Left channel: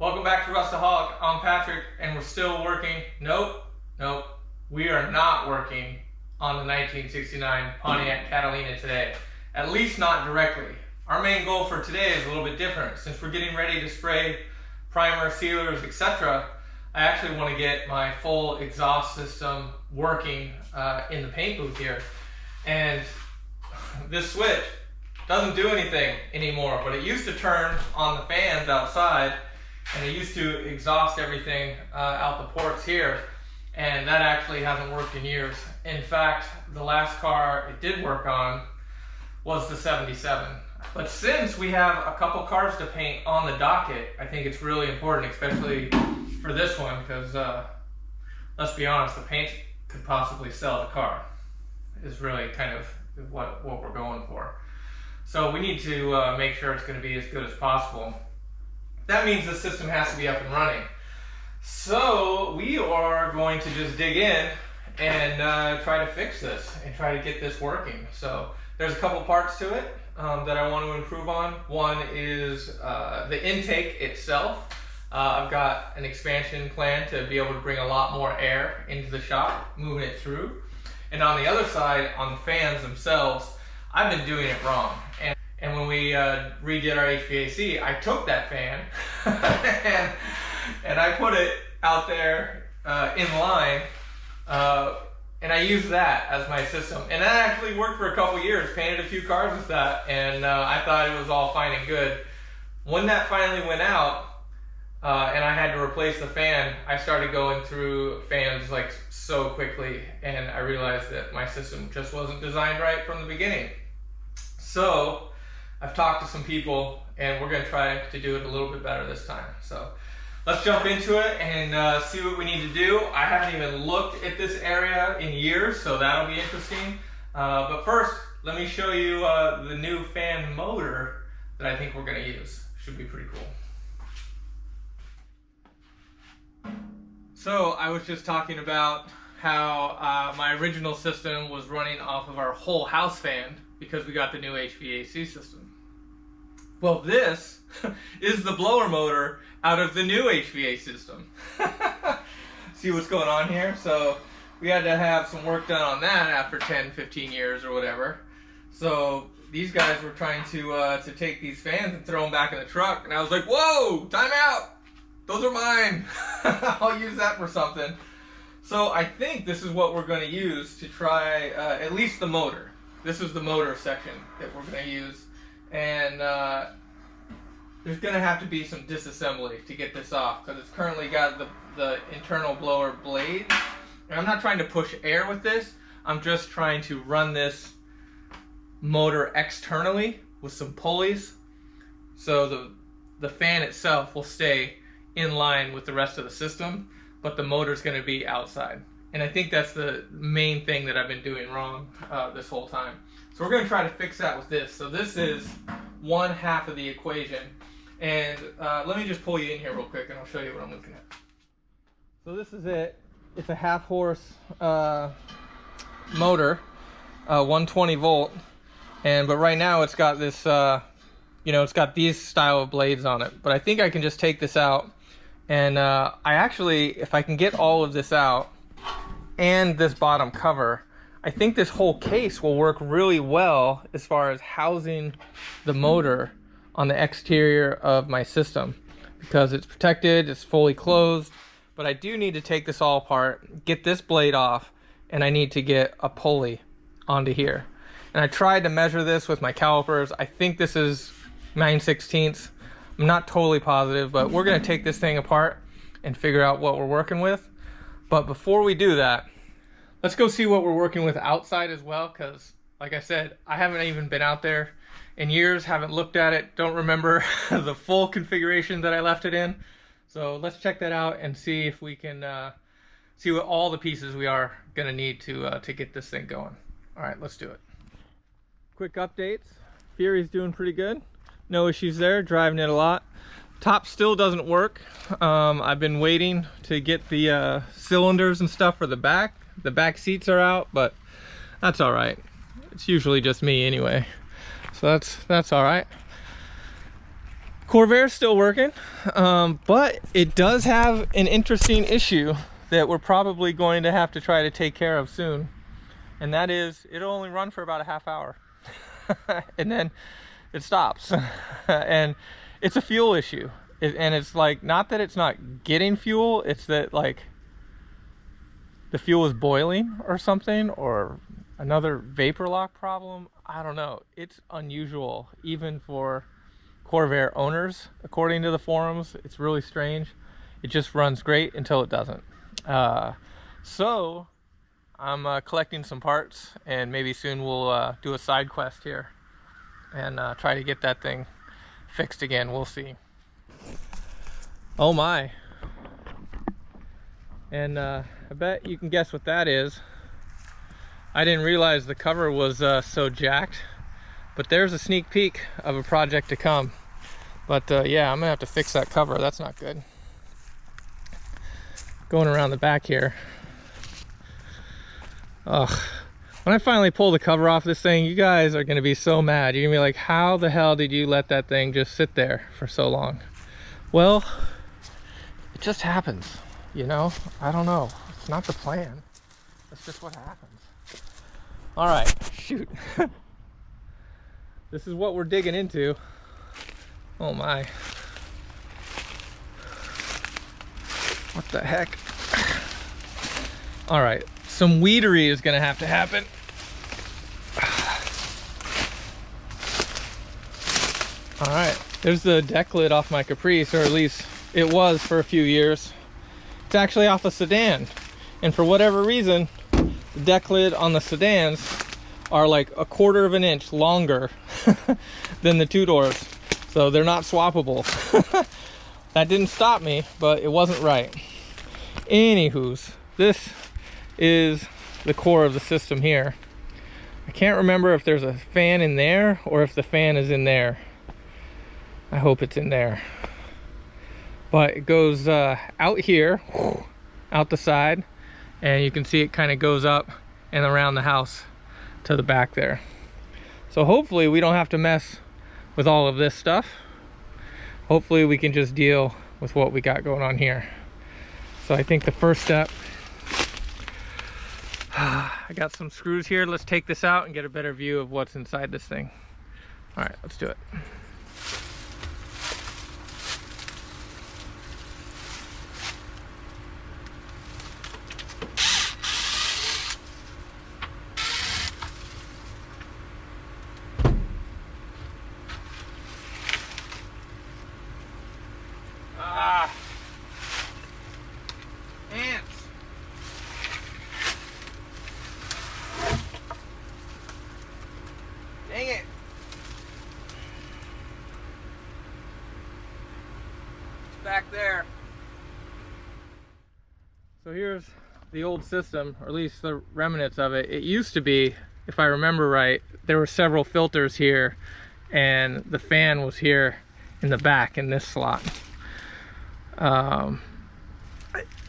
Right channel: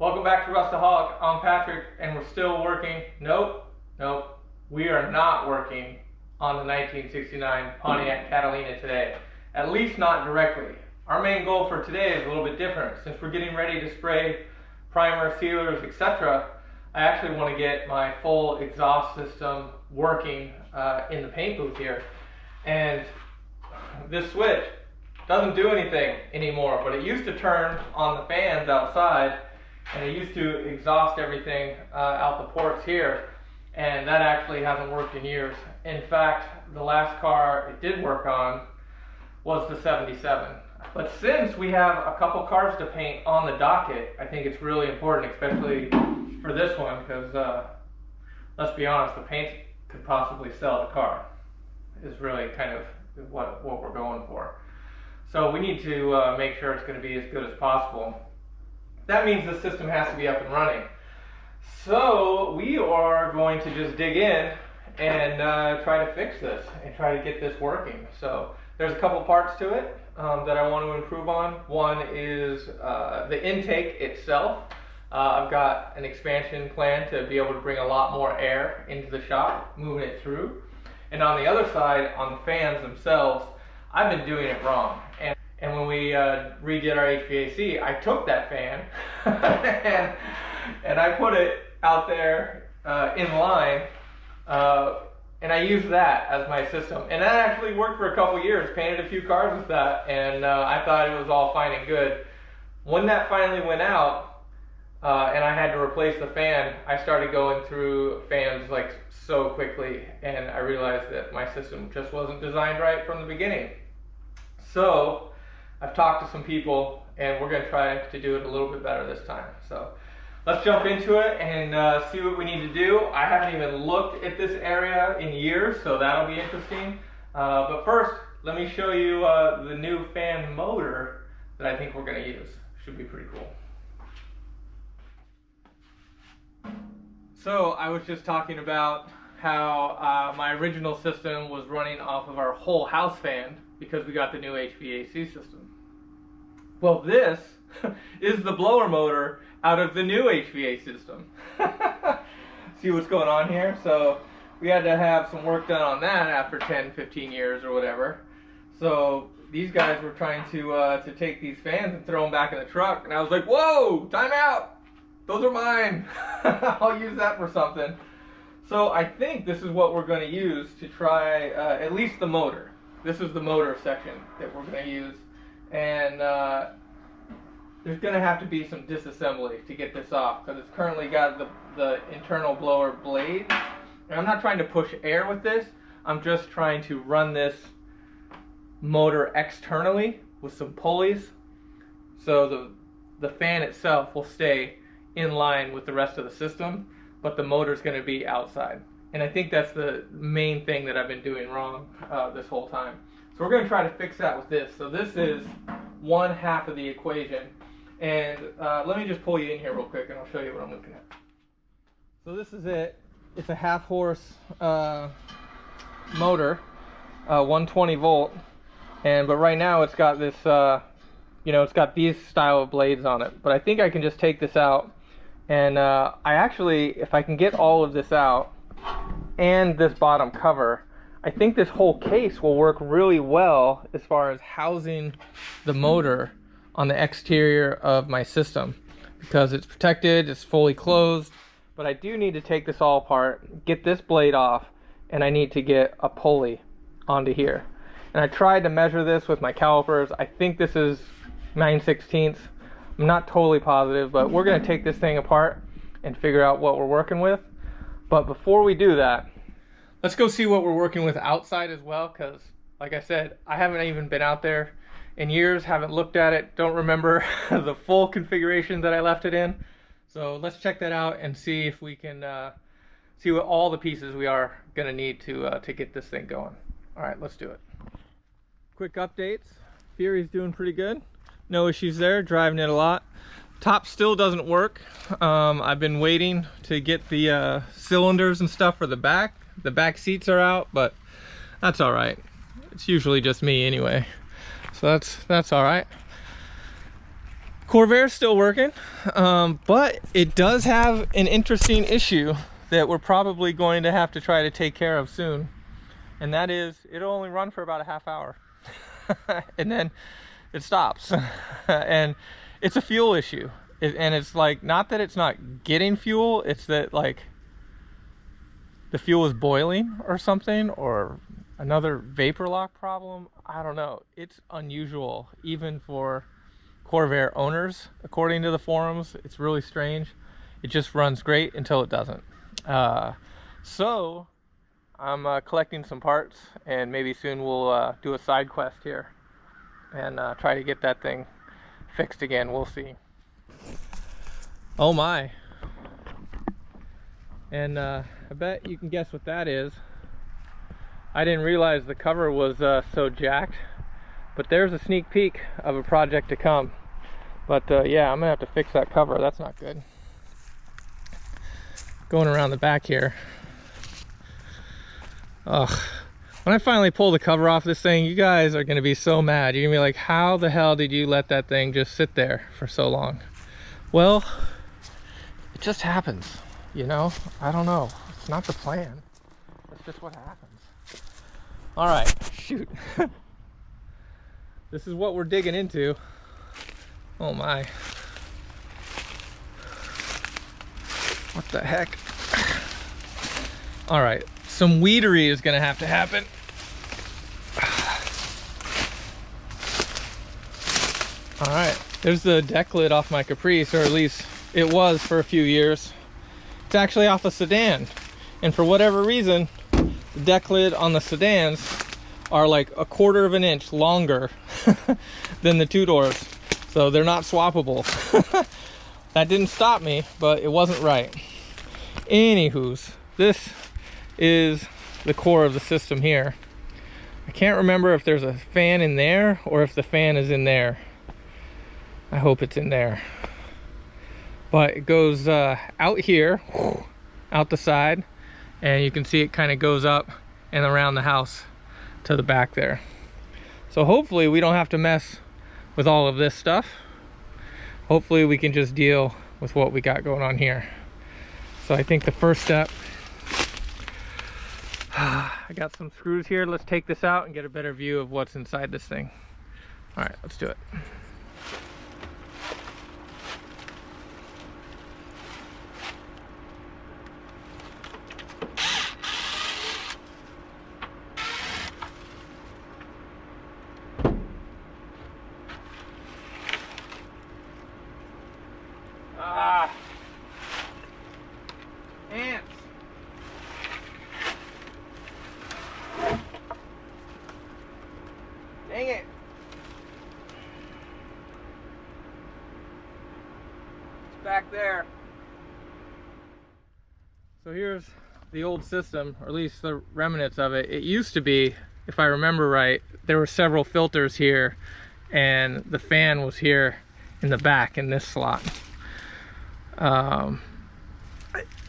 Welcome back to Rustaholic. I'm Patrick, and we're still working. Nope, we are not working on the 1969 Pontiac Catalina today. At least not directly. Our main goal for today is a little bit different. Since we're getting ready to spray primer, sealers, etc., I actually want to get my full exhaust system working in the paint booth here. And this switch doesn't do anything anymore, but it used to turn on the fans outside, and it used to exhaust everything out the ports here, and that actually hasn't worked in years. In fact, the last car it did work on was the 77. But since we have a couple cars to paint on the docket, I think it's really important, especially for this one, because let's be honest, the paint could possibly sell the car, is really kind of what we're going for. So we need to make sure it's going to be as good as possible. That means the system has to be up and running. So we are going to just dig in and try to fix this and try to get this working. So there's a couple parts to it that I want to improve on. One is the intake itself. I've got an expansion plan to be able to bring a lot more air into the shop, moving it through. And on the other side, on the fans themselves, I've been doing it wrong. And when we redid our HVAC, I took that fan and I put it out there in line, and I used that as my system. And that actually worked for a couple years, painted a few cars with that, and I thought it was all fine and good. When that finally went out, and I had to replace the fan, I started going through fans like so quickly, and I realized that my system just wasn't designed right from the beginning. So I've talked to some people, and we're going to try to do it a little bit better this time. So let's jump into it and see what we need to do. I haven't even looked at this area in years, so that'll be interesting. But first, let me show you the new fan motor that I think we're going to use. Should be pretty cool. So I was just talking about how my original system was running off of our whole house fan because we got the new HVAC system. Well, this is the blower motor out of the new HVAC system. See what's going on here? So we had to have some work done on that after 10, 15 years or whatever. So these guys were trying to take these fans and throw them back in the truck. And I was like, whoa, time out. Those are mine. I'll use that for something. So I think this is what we're going to use to try at least the motor. This is the motor section that we're going to use. And there's going to have to be some disassembly to get this off, because it's currently got the internal blower blade. And I'm not trying to push air with this. I'm just trying to run this motor externally with some pulleys, so the fan itself will stay in line with the rest of the system, but the motor's going to be outside. And I think that's the main thing that I've been doing wrong this whole time. So we're going to try to fix that with this. So this is one half of the equation. And let me just pull you in here real quick and I'll show you what I'm looking at. So this is it. It's a half horse motor, 120 volt. But right now it's got this, it's got these style of blades on it. But I think I can just take this out. And I actually, if I can get all of this out and this bottom cover, I think this whole case will work really well as far as housing the motor on the exterior of my system, because it's protected, it's fully closed. But I do need to take this all apart, get this blade off, and I need to get a pulley onto here. And I tried to measure this with my calipers. I think this is 9/16. I'm not totally positive, but we're going to take this thing apart and figure out what we're working with. But before we do that, let's go see what we're working with outside as well, because like I said, I haven't even been out there in years, haven't looked at it, don't remember the full configuration that I left it in. So let's check that out and see if we can see what all the pieces we are going to need to get this thing going. All right, let's do it. Quick updates. Fury's doing pretty good. No issues there, driving it a lot. Top still doesn't work. I've been waiting to get the cylinders and stuff for the back. The back seats are out, but that's all right. It's usually just me anyway, so that's all right. Corvair's still working, but it does have an interesting issue that we're probably going to have to try to take care of soon. And that is, it'll only run for about a half hour. And then it stops. And it's a fuel issue. And it's like, not that it's not getting fuel, it's that like the fuel is boiling or something, or another vapor lock problem. I don't know. It's unusual, even for Corvair owners, according to the forums. It's really strange. It just runs great until it doesn't. So I'm collecting some parts, and maybe soon we'll do a side quest here and try to get that thing fixed again. We'll see. Oh my. And I bet you can guess what that is. I didn't realize the cover was so jacked, but there's a sneak peek of a project to come. But yeah, I'm gonna have to fix that cover. That's not good. Going around the back here. Ugh. When I finally pull the cover off this thing, you guys are gonna be so mad. You're gonna be like, how the hell did you let that thing just sit there for so long? Well, it just happens, you know? I don't know. It's not the plan. That's just what happens. All right, shoot. This is what we're digging into. Oh my. What the heck? All right, some weedery is gonna have to happen. All right, there's the deck lid off my Caprice, or at least it was for a few years. It's actually off a sedan. And for whatever reason, the deck lid on the sedans are like 1/4 of an inch longer than the two doors. So they're not swappable. That didn't stop me, but it wasn't right. Anywho's, this is the core of the system here. I can't remember if there's a fan in there or if the fan is in there. I hope it's in there. But it goes out here, out the side, and you can see it kind of goes up and around the house to the back there. So hopefully we don't have to mess with all of this stuff. Hopefully we can just deal with what we got going on here. So I think the first step, I got some screws here. Let's take this out and get a better view of what's inside this thing. All right, let's do it. Dang it. It's back there. So here's the old system, or at least the remnants of it. It used to be, if I remember right, there were several filters here, and the fan was here in the back in this slot. Or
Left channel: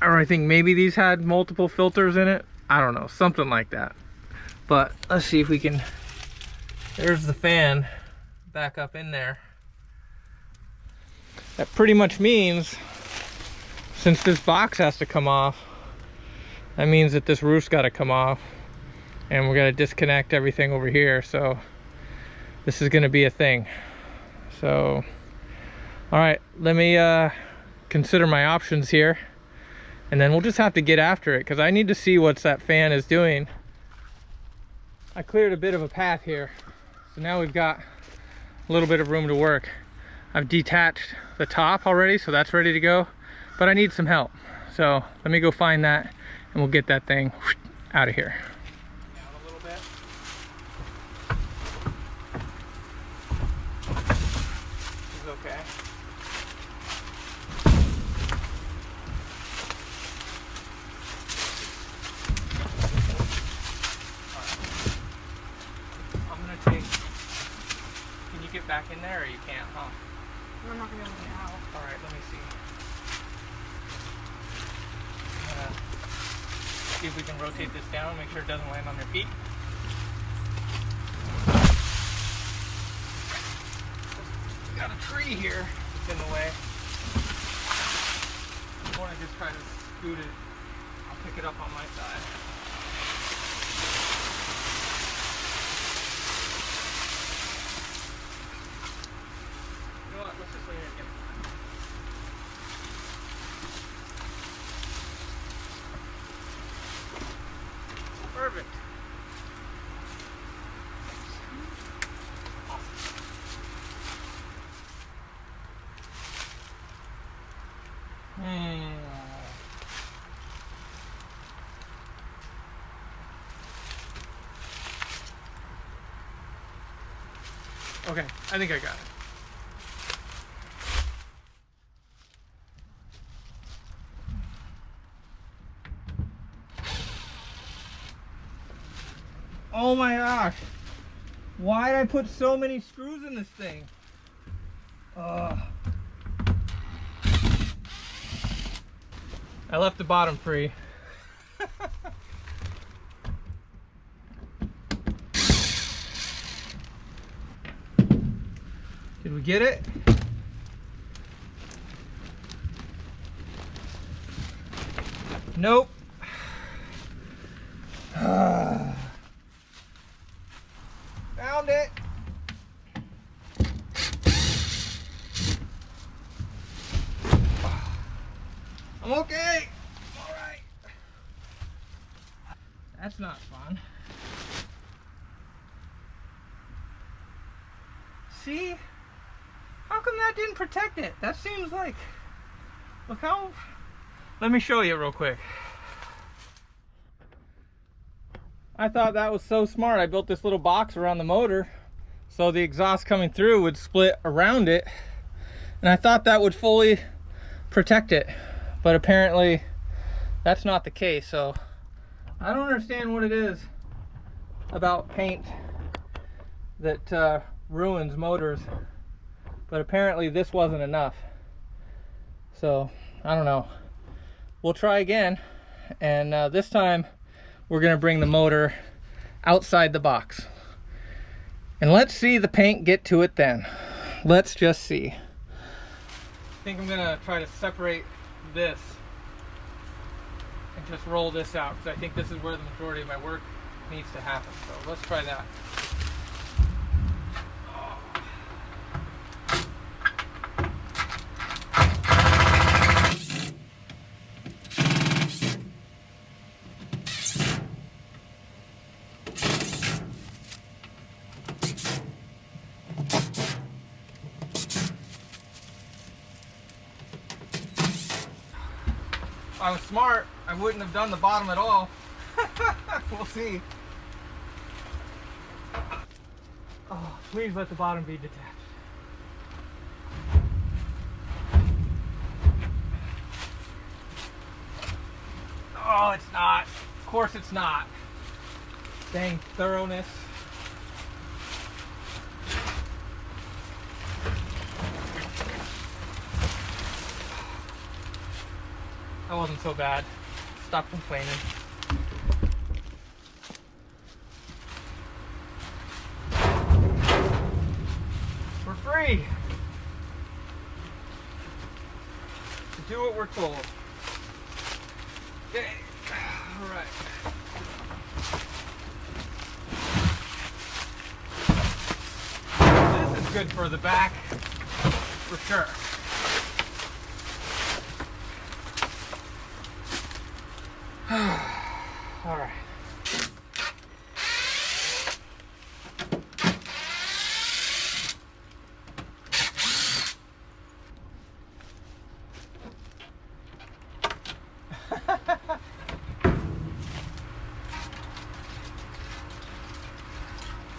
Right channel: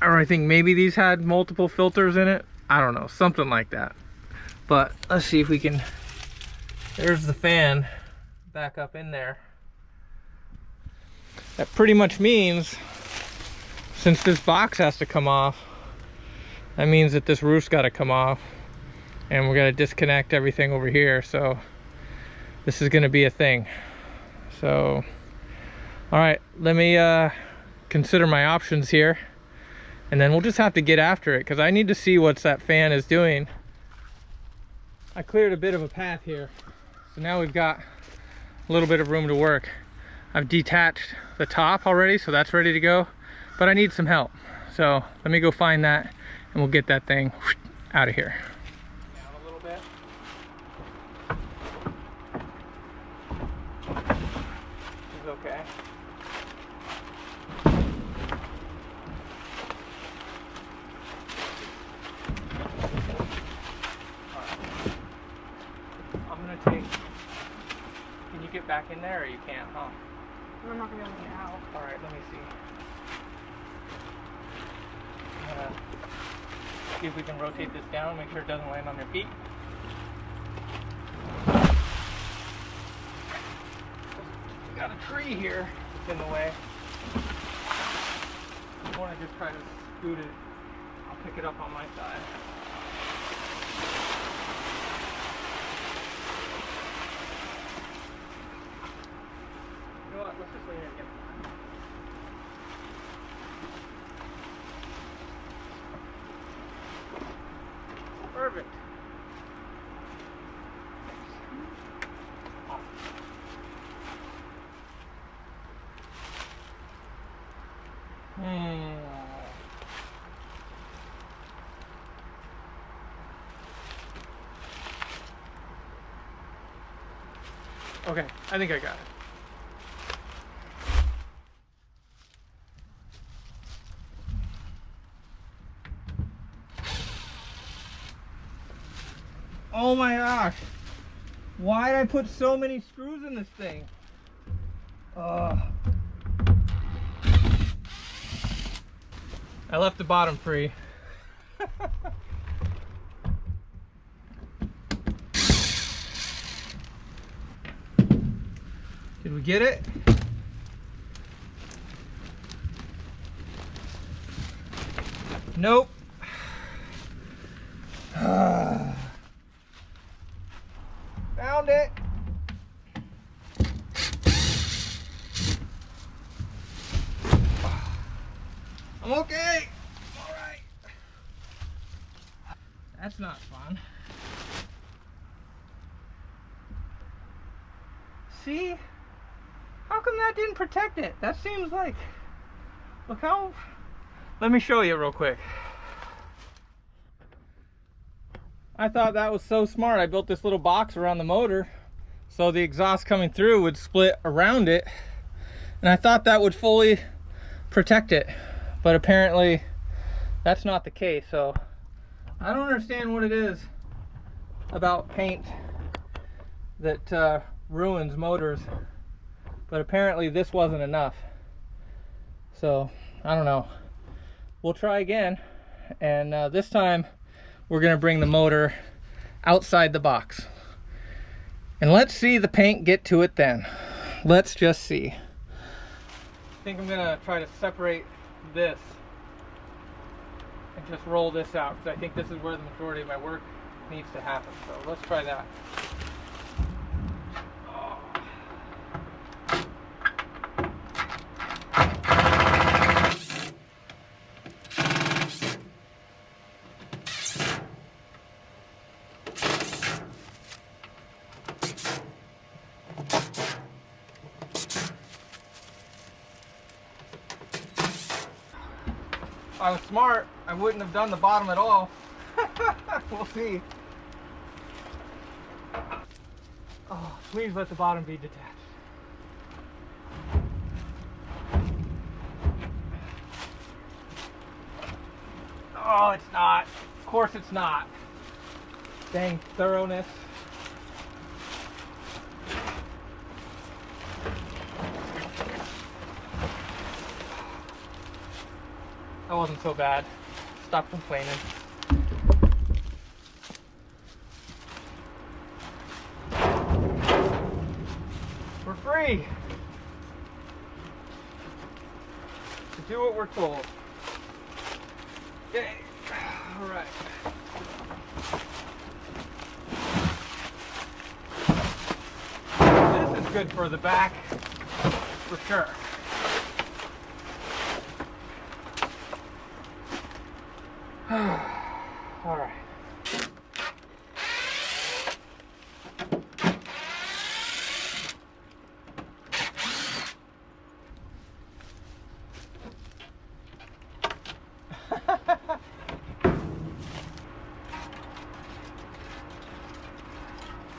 I think maybe these had multiple filters in it. I don't know, something like that. But let's see if we can. There's the fan back up in there. That pretty much means, since this box has to come off, that means that this roof's got to come off, and we're going to disconnect everything over here. So this is going to be a thing. So all right, let me consider my options here, and then we'll just have to get after it, because I need to see what that fan is doing. I cleared a bit of a path here, so now we've got a little bit of room to work. I've detached the top already, so that's ready to go, but I need some help. So let me go find that, and we'll get that thing out of here. Down a little bit. This is okay. Can you get back in there, or you can't, huh? I'm not gonna be able to get out. Alright, let me see. See if we can rotate this down, make sure it doesn't land on your feet. We got a tree here. in the way. I want to just try to scoot it. I'll pick it up on my side. You know what? Let's just lean it against the line. Perfect. Okay, I think I got it. Oh my gosh! Why did I put so many screws in this thing? I left the bottom free. Did we get it? Nope. Found it. I'm okay. All right. That's not fun. See? How come that didn't protect it? That seems like, look how, let me show you real quick. I thought that was so smart. I built this little box around the motor so the exhaust coming through would split around it. And I thought that would fully protect it. But apparently that's not the case. So I don't understand what it is about paint that ruins motors. But apparently this wasn't enough. So I don't know. We'll try again. And this time we're gonna bring the motor outside the box. And let's see the paint get to it then. Let's just see. I think I'm gonna try to separate this and just roll this out because I think this is where the majority of my work needs to happen. So let's try that. If I was smart, I wouldn't have done the bottom at all. We'll see. Oh, please let the bottom be detached. Oh, it's not. Of course it's not. Dang thoroughness. That wasn't so bad. Stop complaining. We're free to do what we're told. Okay. All right. This is good for the back, for sure. All right.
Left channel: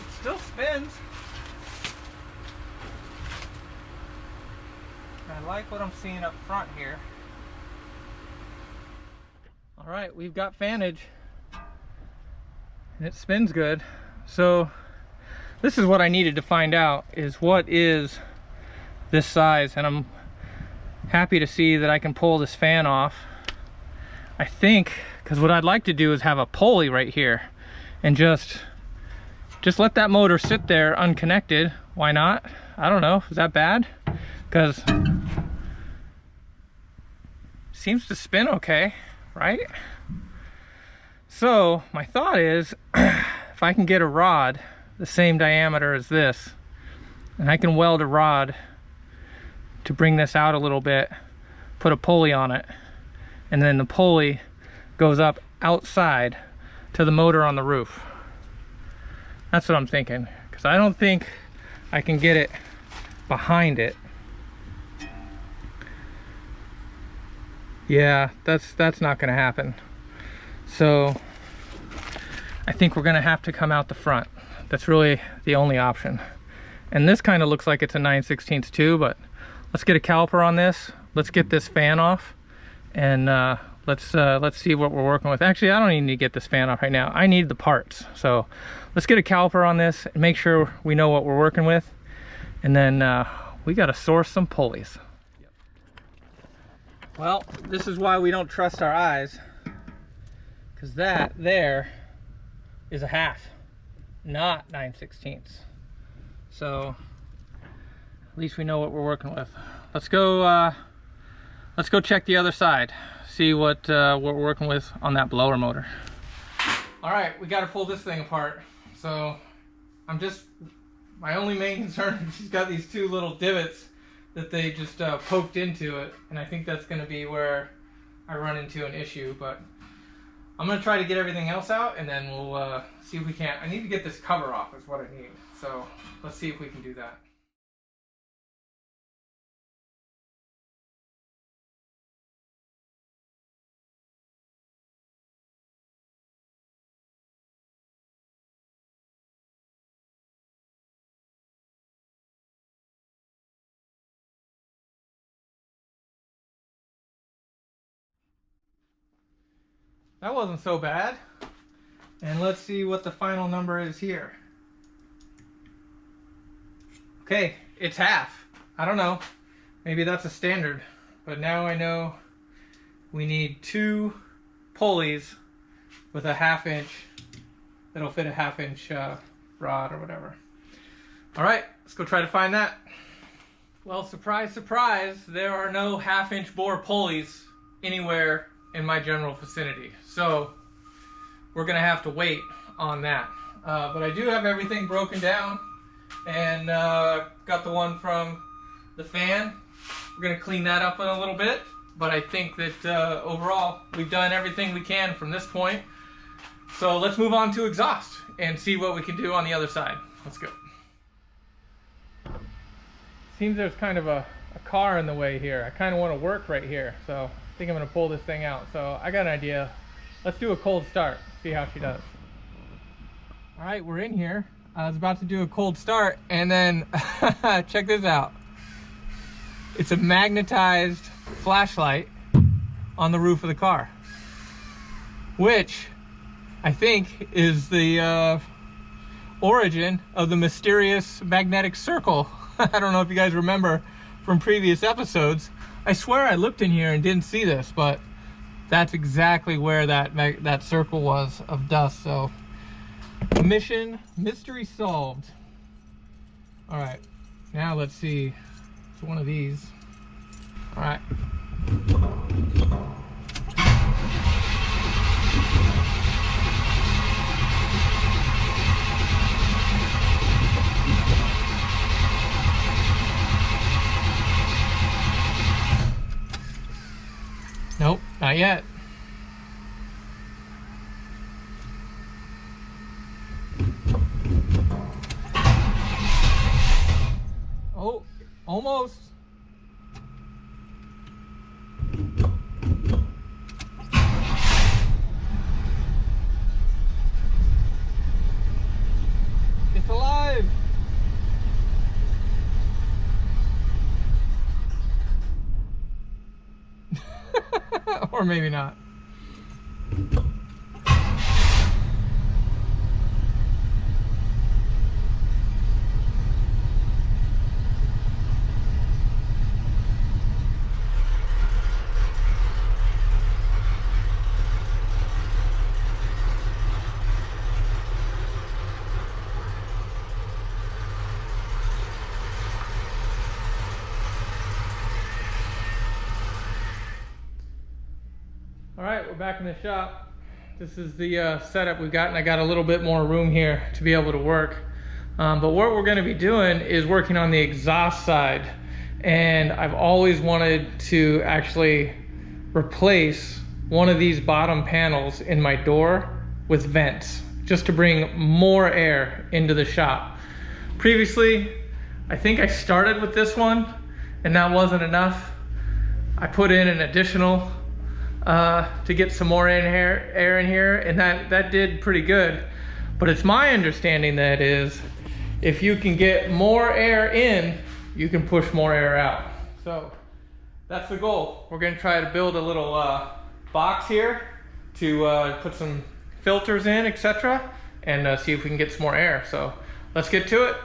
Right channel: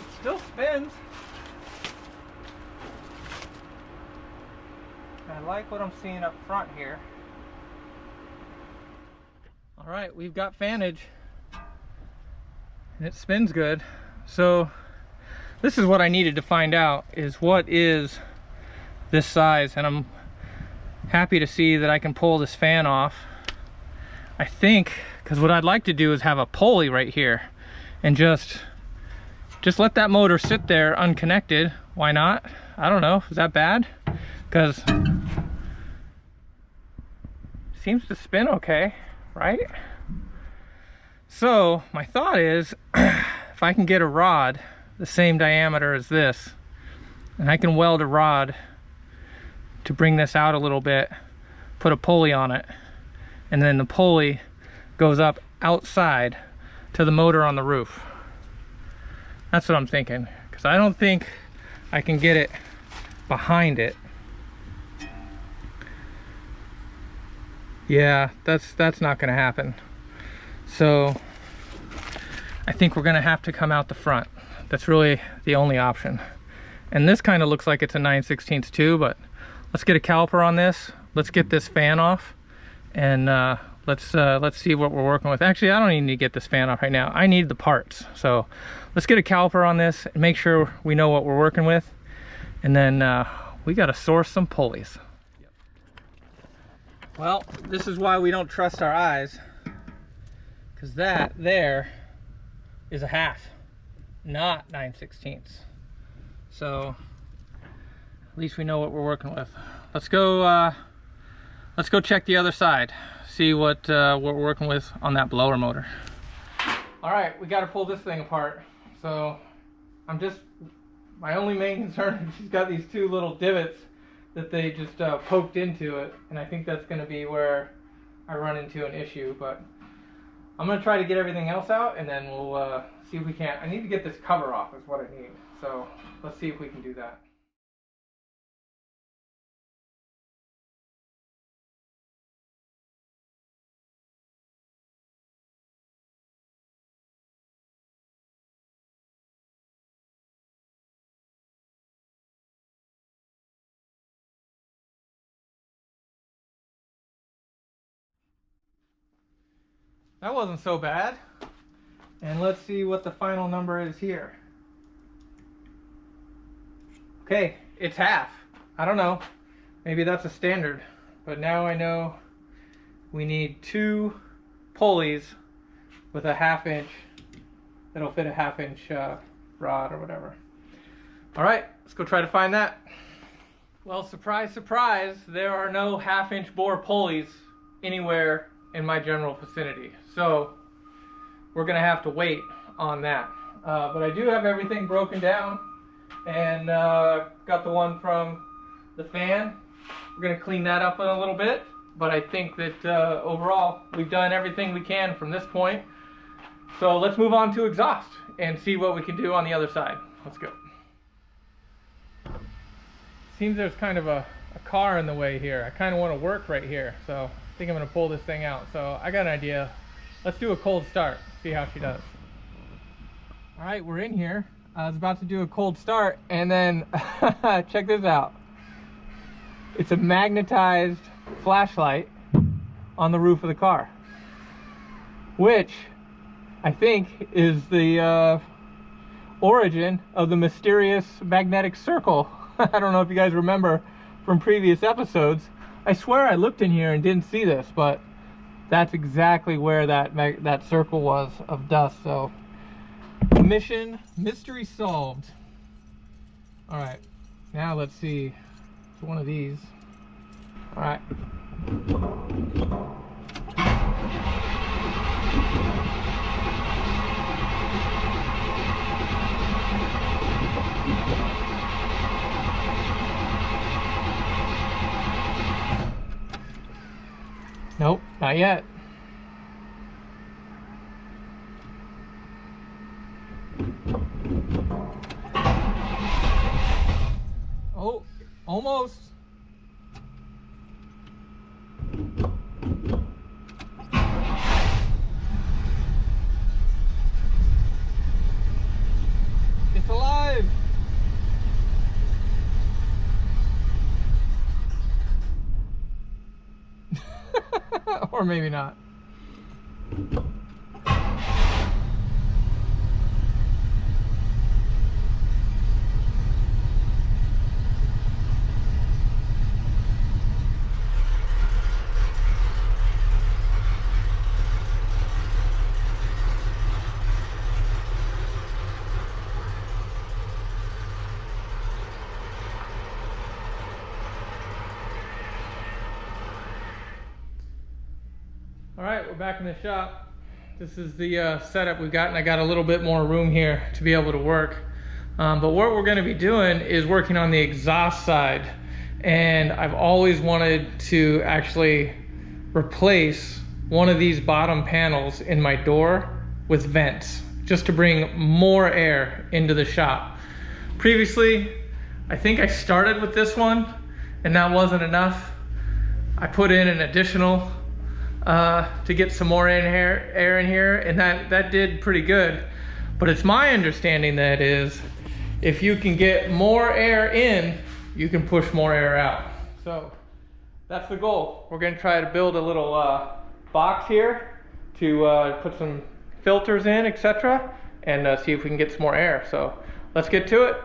It still spins. I like what I'm seeing up front here. All right, we've got fanage and it spins good. So this is what I needed to find out, is what is this size, and I'm happy to see that I can pull this fan off. I think, because what I'd like to do is have a pulley right here and just let that motor sit there unconnected. Why not? I don't know, is that bad? Because seems to spin okay, right? So my thought is, if I can get a rod the same diameter as this, and I can weld a rod to bring this out a little bit, put a pulley on it, and then the pulley goes up outside to the motor on the roof. That's what I'm thinking, because I don't think I can get it behind it. Yeah, that's not gonna happen. So I think we're gonna have to come out the front. That's really the only option. And this kind of looks like it's a 9/16 too, but let's get a caliper on this. Let's get this fan off, and let's see what we're working with. Actually, I don't even need to get this fan off right now. I need the parts. So let's get a caliper on this and make sure we know what we're working with. And then we got to source some pulleys. Well, this is why we don't trust our eyes, because that there is a half, not 9/16. So at least we know what we're working with. Let's go check the other side, see what we're working with on that blower motor. All right, we got to pull this thing apart. So my only main concern is she's got these two little divots that they just poked into it, and I think that's going to be where I run into an issue. But I'm going to try to get everything else out, and then we'll see if we can. I need to get this cover off is what I need. So let's see if we can do that. That wasn't so bad. And let's see what the final number is here. Okay, it's half. I don't know. Maybe that's a standard. But now I know we need 2 pulleys with a 1/2 inch. That'll fit a 1/2 inch rod or whatever. All right, let's go try to find that. Well, surprise, surprise, there are no 1/2 inch bore pulleys anywhere in my general vicinity. So we're gonna have to wait on that. But I do have everything broken down, and got the one from the fan. We're gonna clean that up in a little bit, but I think that overall we've done everything we can from this point. So let's move on to exhaust and see what we can do on the other side. Let's go. Seems there's kind of a car in the way here. I kind of want to work right here, so I think I'm going to pull this thing out. So I got an idea. Let's do a cold start, see how she does. All right, we're in here. I was about to do a cold start, and then check this out. It's a magnetized flashlight on the roof of the car, which I think is the origin of the mysterious magnetic circle. I don't know if you guys remember from previous episodes. I swear I looked in here and didn't see this, but that's exactly where that circle was of dust. So mission mystery solved. All right, now let's see. It's one of these. All right. Nope, not yet. Oh, almost. It's alive. Or maybe not. Alright, we're back in the shop. This is the setup we've got, and I got a little bit more room here to be able to work. But what we're going to be doing is working on the exhaust side. And I've always wanted to actually replace one of these bottom panels in my door with vents, just to bring more air into the shop. Previously, I think I started with this one, and that wasn't enough. I put in an additional to get some more air in here, and that did pretty good. But it's my understanding that is, if you can get more air in, you can push more air out. So that's the goal. We're gonna try to build a little box here to put some filters in, etc., and see if we can get some more air. So let's get to it.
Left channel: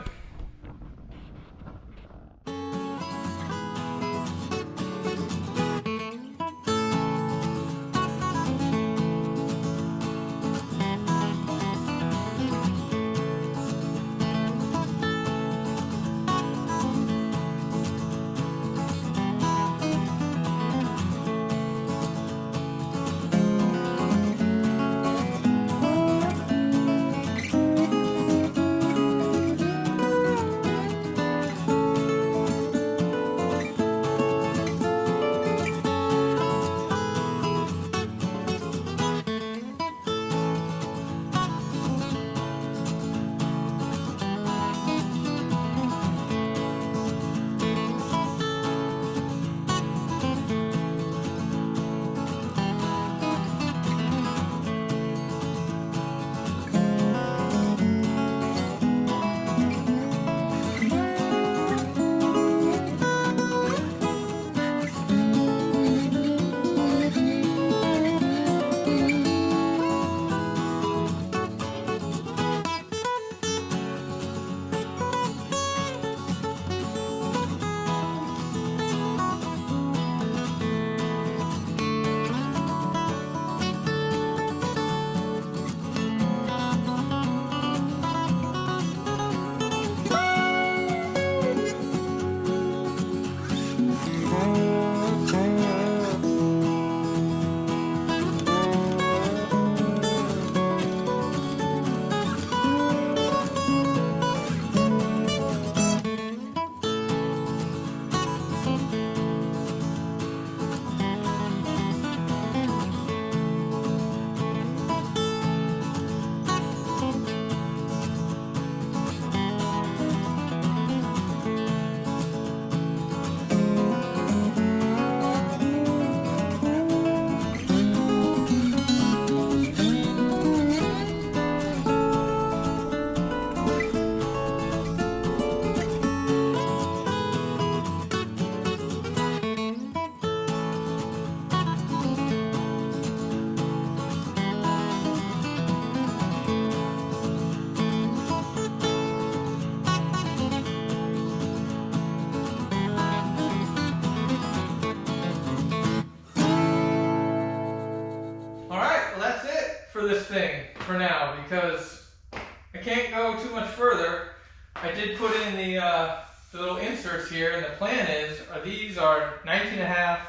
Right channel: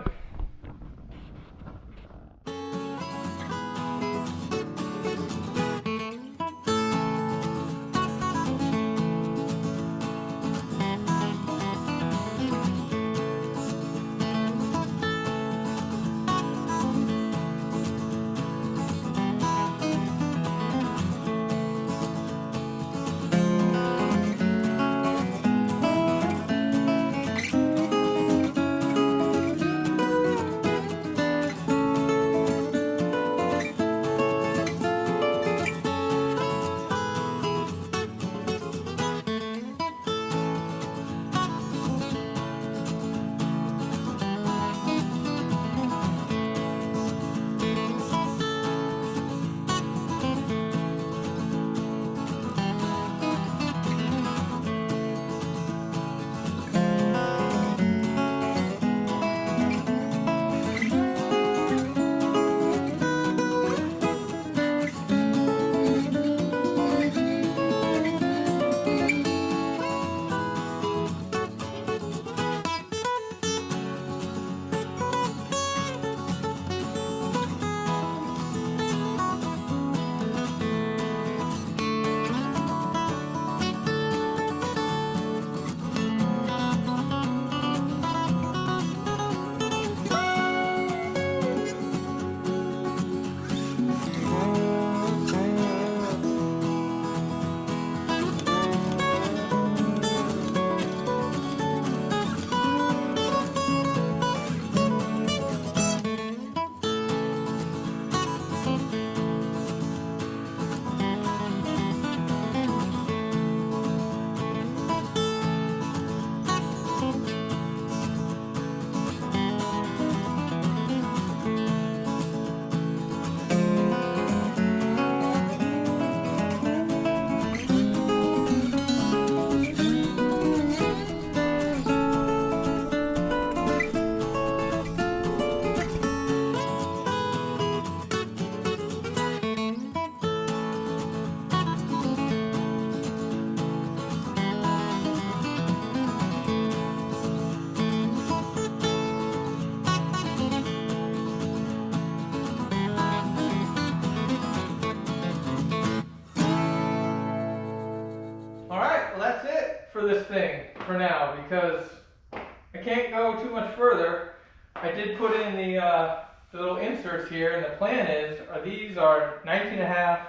For this thing for now, because I can't go too much further. I did put in the little inserts here, and the plan is these are 19.5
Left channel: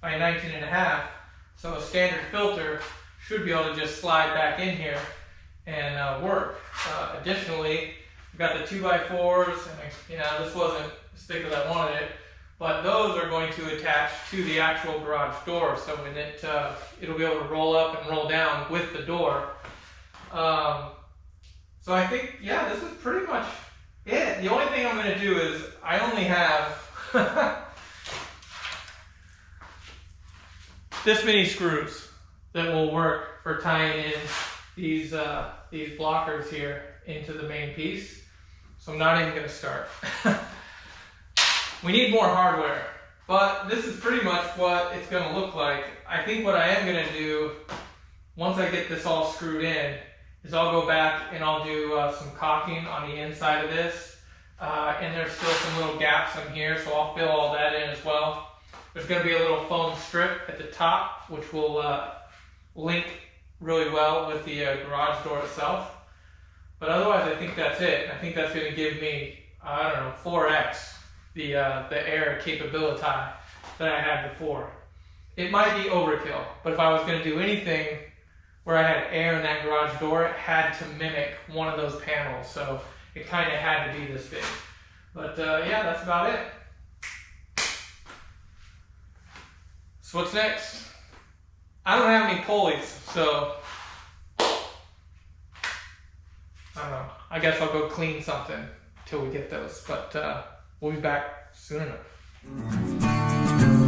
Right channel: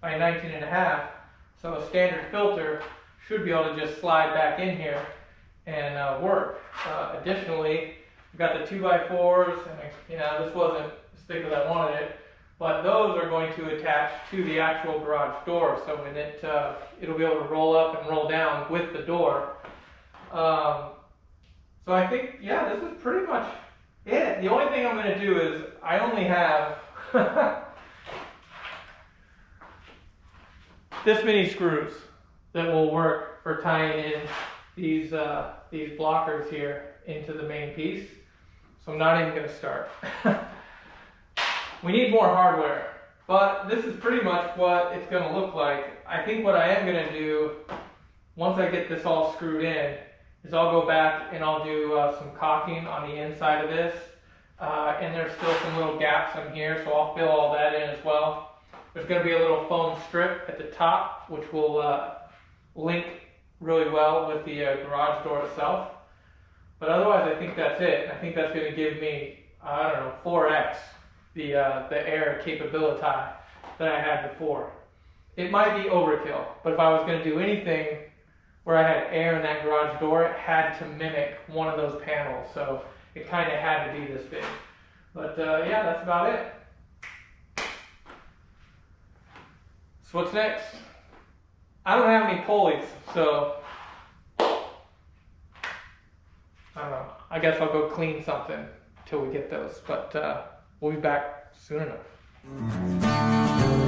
by 19.5, so a standard filter should be able to just slide back in here and work. Additionally, we've got the 2x4s, and this wasn't as thick as I wanted it, but those are going to attach to the actual garage door, so when it'll be able to roll up and roll down with the door. So I think, yeah, this is pretty much it. The only thing I'm going to do is I only have this many screws that will work for tying in these blockers here into the main piece. So I'm not even going to start. We need more hardware, but this is pretty much what it's going to look like. I think what I am going to do, once I get this all screwed in, is I'll go back and I'll do some caulking on the inside of this. And there's still some little gaps in here, so I'll fill all that in as well. There's going to be a little foam strip at the top, which will link really well with the garage door itself. But otherwise, I think that's it. I think that's going to give me, I don't know, 4x the air capability that I had before. it might be overkill, but if I was going to do anything where I had air in that garage door, it had to mimic one of those panels, so it kind of had to be this big. But yeah, that's about it. So what's next? I don't have any pulleys, so I don't know. I guess I'll go clean something till we get those, but we'll be back soon enough.